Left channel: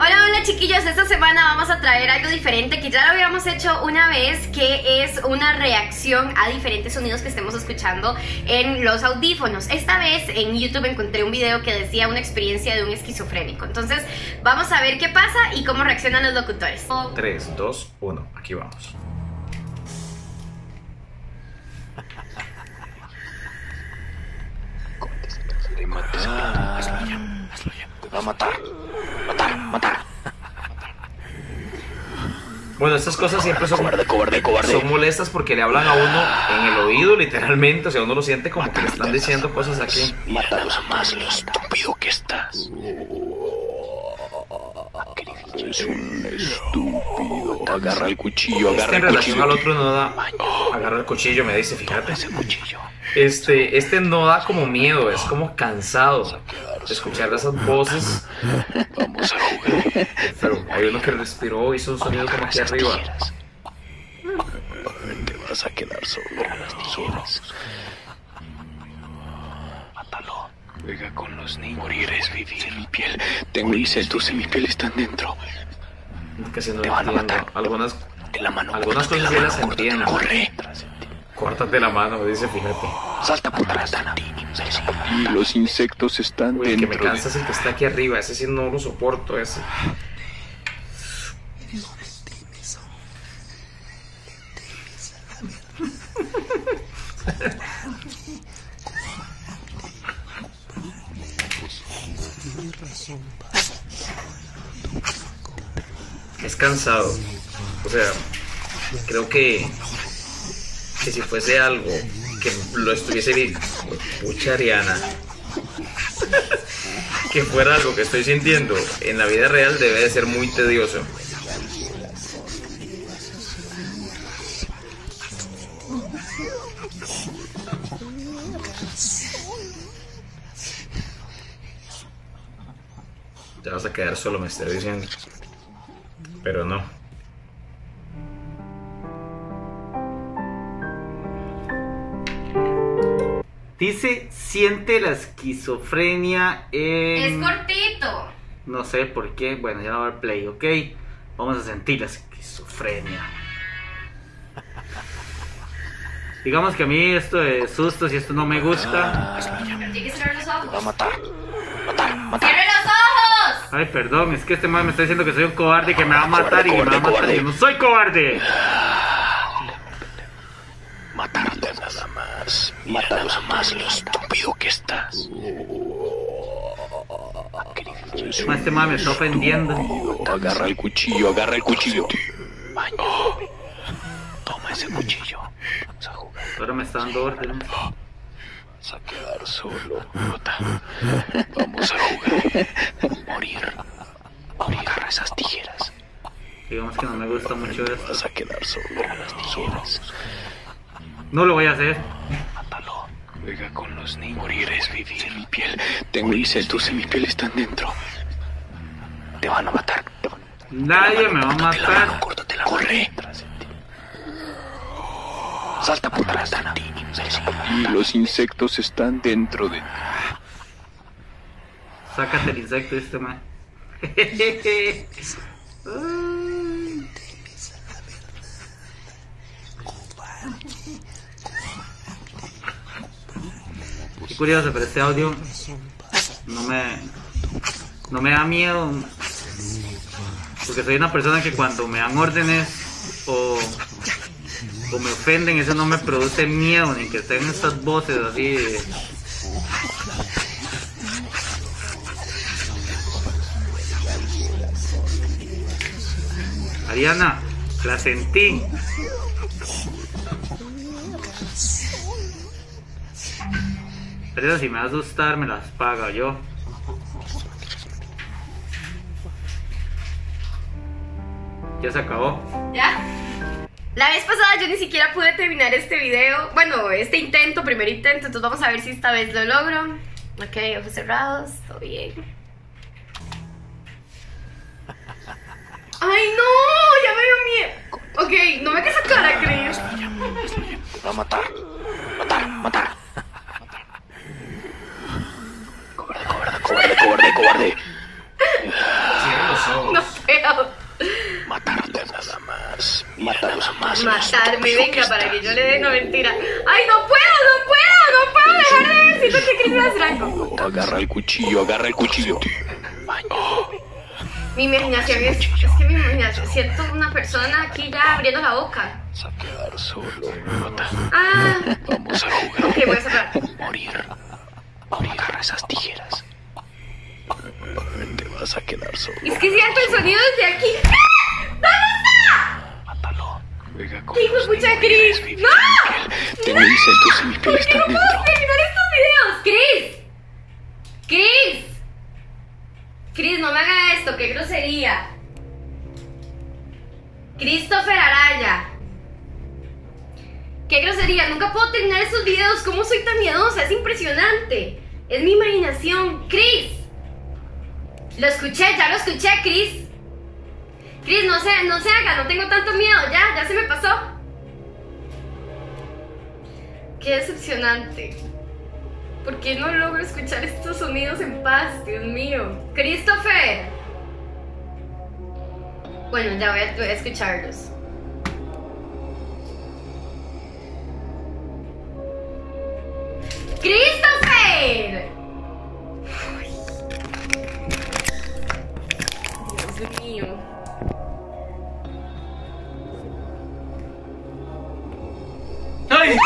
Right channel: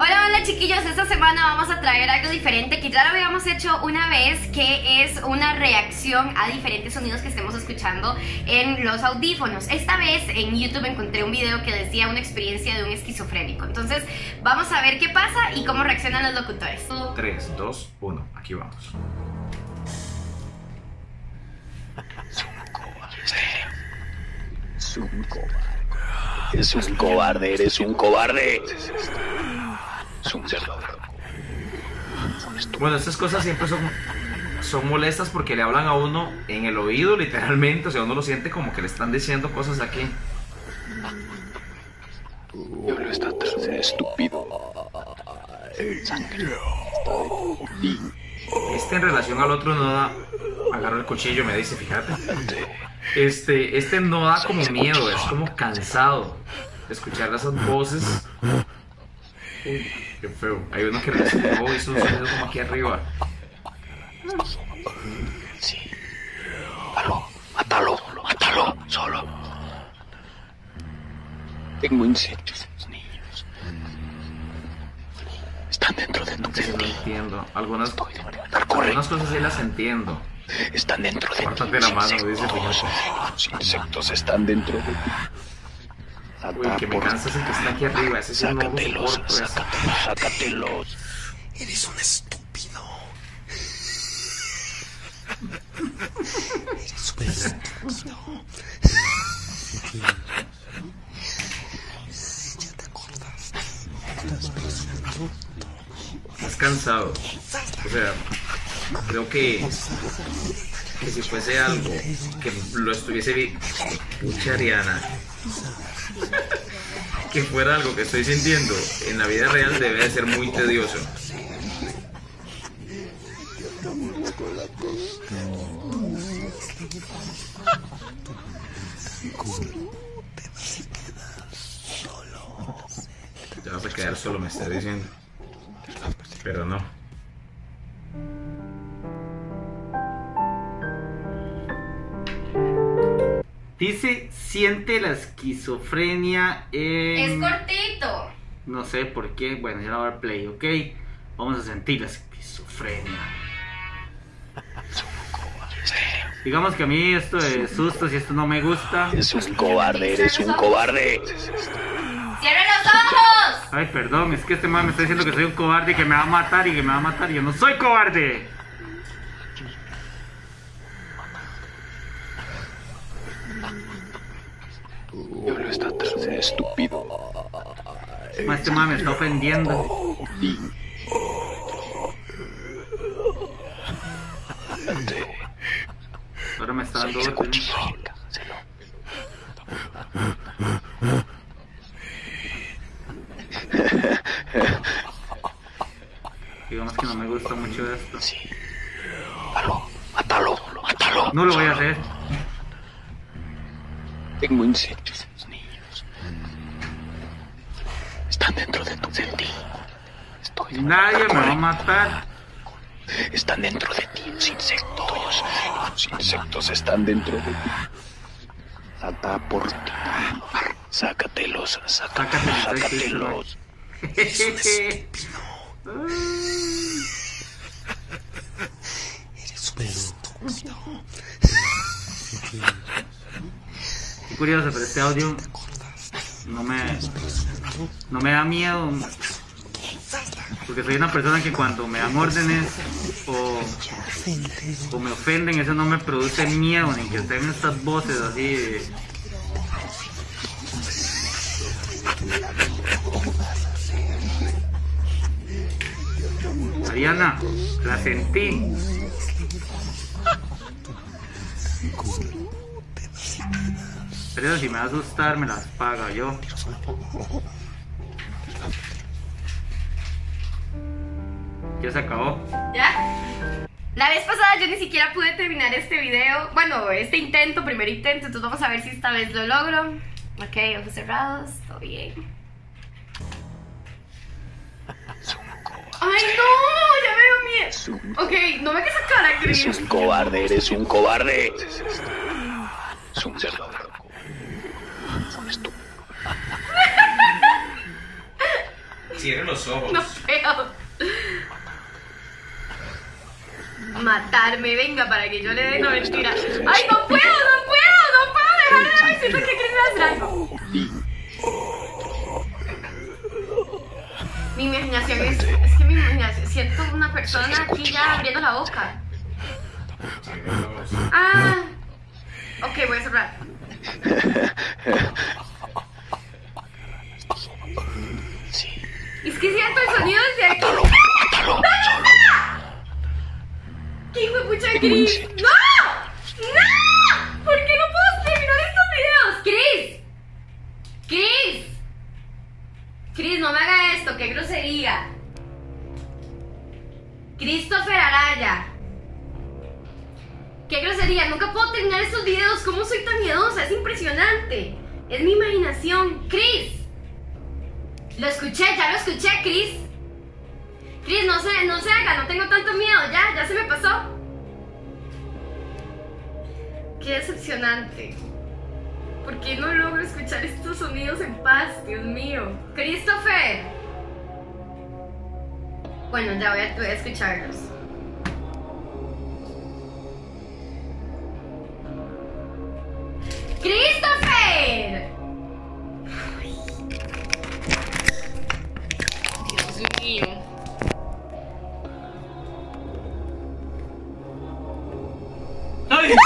Hola, hola chiquillos, esta semana vamos a traer algo diferente que ya lo habíamos hecho una vez, que es una reacción a diferentes sonidos que estemos escuchando en los audífonos. Esta vez en YouTube encontré un video que decía una experiencia de un esquizofrénico. Entonces vamos a ver qué pasa y cómo reaccionan los locutores. 3, 2, 1, aquí vamos. Eres un cobarde, eres un cobarde. Mata. Bueno, estas cosas siempre son Cobarde. son molestas porque le hablan a uno en el oído, literalmente. O sea, uno lo siente como que le están diciendo cosas aquí. Mátalos más, lo estúpido que estás. Estúpido. Agarra el cuchillo. Es que en relación al otro no da. Agarra el cuchillo, me dice, fíjate. Este no da como miedo, es como cansado de escuchar esas voces. Vamos a jugar. Pero hay uno que respiró, hizo un sonido como aquí arriba. Te vas a quedar solo. Mátalo. Solo. Mátalo. Juega con los niños. Virus en mi piel. Tengo insectos en mi piel, están dentro. Están dentro de tu Que si no piel. entiendo. Algunas cosas sí las entiendo. Corre, están dentro de Córtate la mano, dice, fíjate. Los insectos están dentro de ti. Los insectos están Uy, el que dentro. me cansa es el que está aquí arriba. Ese sí no lo soporto. Ese. Sácatelos. Eres un estúpido. Es cansado. O sea, creo que si fuese algo que lo estuviese bien. Pucha, Ariana. Que fuera algo que estoy sintiendo en la vida real debe de ser muy tedioso. Te vas a quedar solo, me estoy diciendo. Pero no. Dice, siente la esquizofrenia en... Es cortito. No sé por qué. Bueno, ya no va a dar play, ¿ok? Vamos a sentir la esquizofrenia. Digamos que a mí esto de sustos y esto no me gusta. Eres un cobarde. ¡Cierra los ojos! Ay, perdón, es que este man me está diciendo que soy un cobarde y que me va a matar y que me va a matar. Yo no soy cobarde. Matarte nada más. Mátalos más, lo estúpido que estás. Estúpido. Este man me está ofendiendo. Agarra el cuchillo. Toma ese cuchillo. Ahora me está dando órdenes. Se va a quedar solo. Vamos a jugar. Morir esas tijeras. Digamos que no me gusta mucho esto. Vas a quedar solo. Mátalo. No lo voy a hacer. Mátalo. Juega con los niños. Virus en mi piel. Tengo insectos en mi piel, están dentro. Están dentro de tu piel. Te van a matar. Nadie me va a matar. Córtatela. Corre. Están dentro de ti los insectos. Los insectos están dentro de ti. Los insectos están dentro de ti. Sácatelos. Sácate el insecto, este man. Qué curioso, pero este audio no me da miedo, porque soy una persona que cuando me dan órdenes o me ofenden, eso no me produce miedo, ni que estén estas voces así de... Ariana, la sentí. Pero si me va a asustar, me las paga yo. Ya se acabó. ¿Ya? La vez pasada yo ni siquiera pude terminar este video. Bueno, este primer intento. Entonces vamos a ver si esta vez lo logro. Ok, ojos cerrados, todo bien. ¡Ay, no! Ya me dio miedo. Ok, no me hagas esa cara, Chris. Eres un cobarde. Mata. Es un cerdo. Cobarde. Cierra los No puedo. Matarte nada más. Mátalos más. Matarme, venga, para que yo le dé. No, mentira. Ay, no puedo dejar de ver. Siento que Chris va a hacer algo. Agarra el cuchillo. Mi imaginación es que mi imaginación, siento una persona aquí ya abriendo la boca. Ah, Vamos a jugar. ok, voy a cerrar. Morir. Con esas tijeras. Te vas a quedar solo. Es que siento el sonido desde aquí. Mátalo. Venga con ¿Qué hijo de los pucha, niños. Chris? Vive ¡No! mi piel. Tengo insectos en mi piel. ¿Por qué no Están puedo dentro. terminar estos videos? Chris, no me haga esto, qué grosería. Christopher Araya. Qué grosería, nunca puedo terminar estos videos. ¿Cómo soy tan miedosa? Es impresionante. Es mi imaginación. Chris. Ya lo escuché, Chris. Chris, no se haga, no tengo tanto miedo. Ya se me pasó. Qué decepcionante. ¿Por qué no logro escuchar estos sonidos en paz? Dios mío. Christopher. Bueno, ya voy a escucharlos. ¡Christopher! Ay. Dios mío. ¡Ay!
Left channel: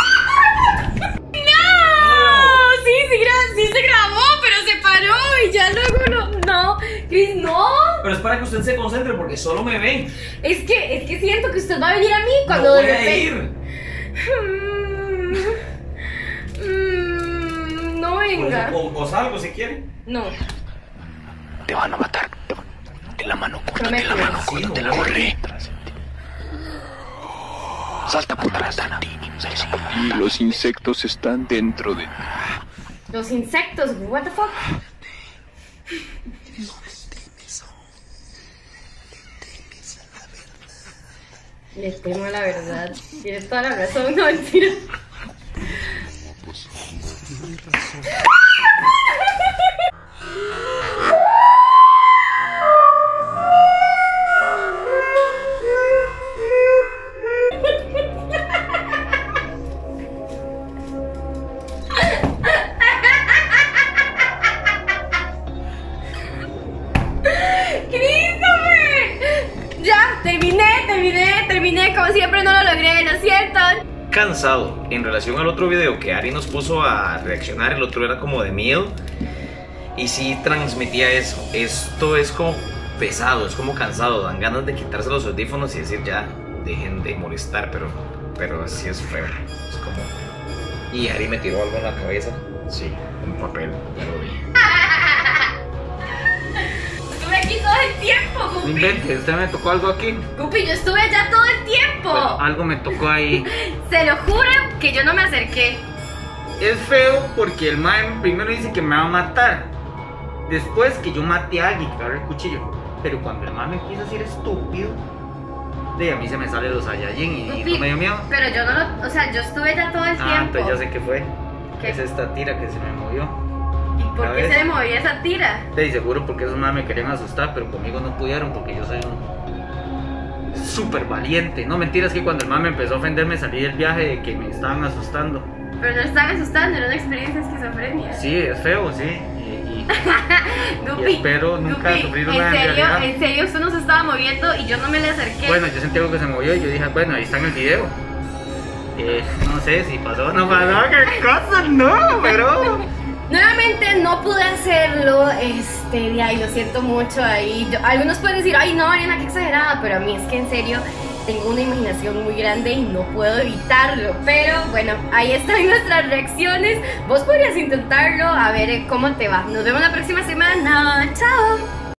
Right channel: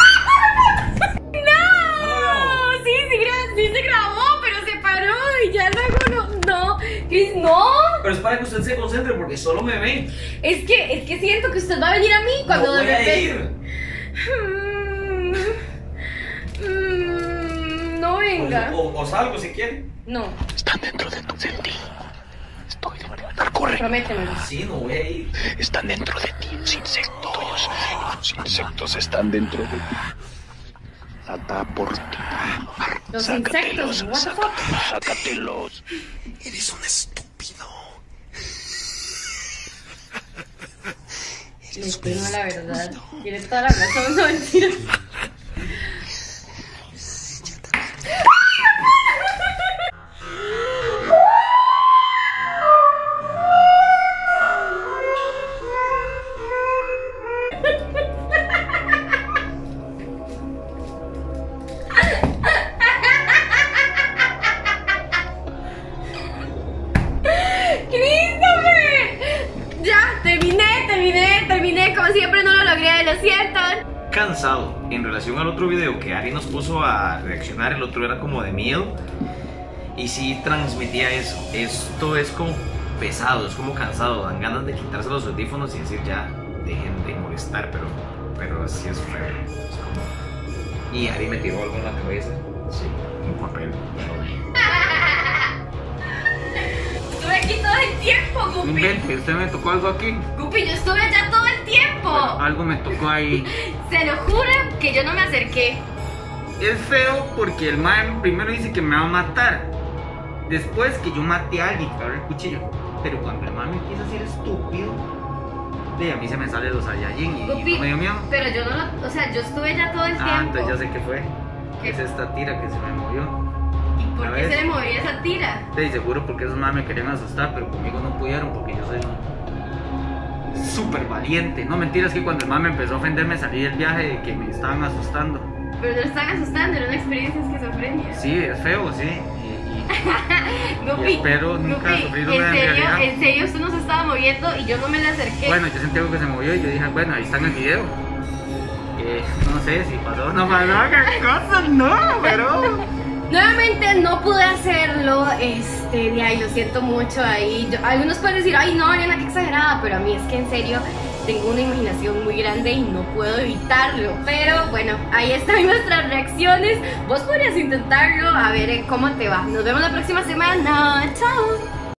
Sí se grabó, pero se paró y ya luego no. Chris, no. Pero es para que usted se concentre porque solo me ven. Es que siento que usted va a venir a mí cuando No de voy a repente. ir. No venga. O salgo si quiere. No. Están dentro de tu mente. Te van a matar. Estoy de la mano. Corre. Prométeme. Corre. Están dentro de ti. Los insectos. Los insectos están dentro de ti. Los insectos están dentro de ti. Los insectos, what the fuck. Sácatelos. Eres un estúpido. Les tengo la verdad. Tienes toda la razón, no mentira. Terminé, como siempre no lo logré, lo siento. Cansado. En relación al otro video que Ari nos puso a reaccionar, el otro era como de miedo y sí transmitía eso. Esto es como pesado, es como cansado, dan ganas de quitarse los audífonos y decir ya, dejen de molestar, pero sí es feo, es como... Y Ari me tiró algo en la cabeza, sí, un papel, ya lo vi. Estuve aquí todo el tiempo, No Guppy. invente, usted me tocó algo aquí. Guppy, yo estuve allá todo el tiempo. Bueno, algo me tocó ahí. Se lo juro que yo no me acerqué. Es feo porque el man primero dice que me va a matar. Después que yo maté a alguien que agarré el cuchillo. Pero cuando el man me empieza a decir estúpido, a mí se me salen los Saiyajin y Guppy, no me dio miedo. pero yo no lo... O sea, yo estuve allá todo el Ah, tiempo. entonces ya sé qué fue. ¿Qué? Es esta tira que se me movió. ¿Y por qué ¿sabes? se le movía esa tira? Sí, seguro porque esos más me querían asustar, pero conmigo no pudieron porque yo soy un súper valiente. No, mentiras que cuando el man me empezó a ofender me salí del viaje de que me estaban asustando. Pero no estaban asustando, era una experiencia de esquizofrenia. Sí, es feo, sí. Guppy, y espero nunca Guppy, sufrir una en serio, realidad. en serio usted no se estaba moviendo y yo no me le acerqué. Bueno, yo sentí algo que se movió y yo dije, bueno, ahí está en el video. No sé si pasó o no pasó, qué cosa, no, pero... Nuevamente no pude hacerlo, de ahí lo siento mucho ahí. Algunos pueden decir, ay no, Ariana, qué exagerada, pero a mí es que en serio tengo una imaginación muy grande y no puedo evitarlo. Pero bueno, ahí están nuestras reacciones. Vos podrías intentarlo, a ver cómo te va. Nos vemos la próxima semana. Chao.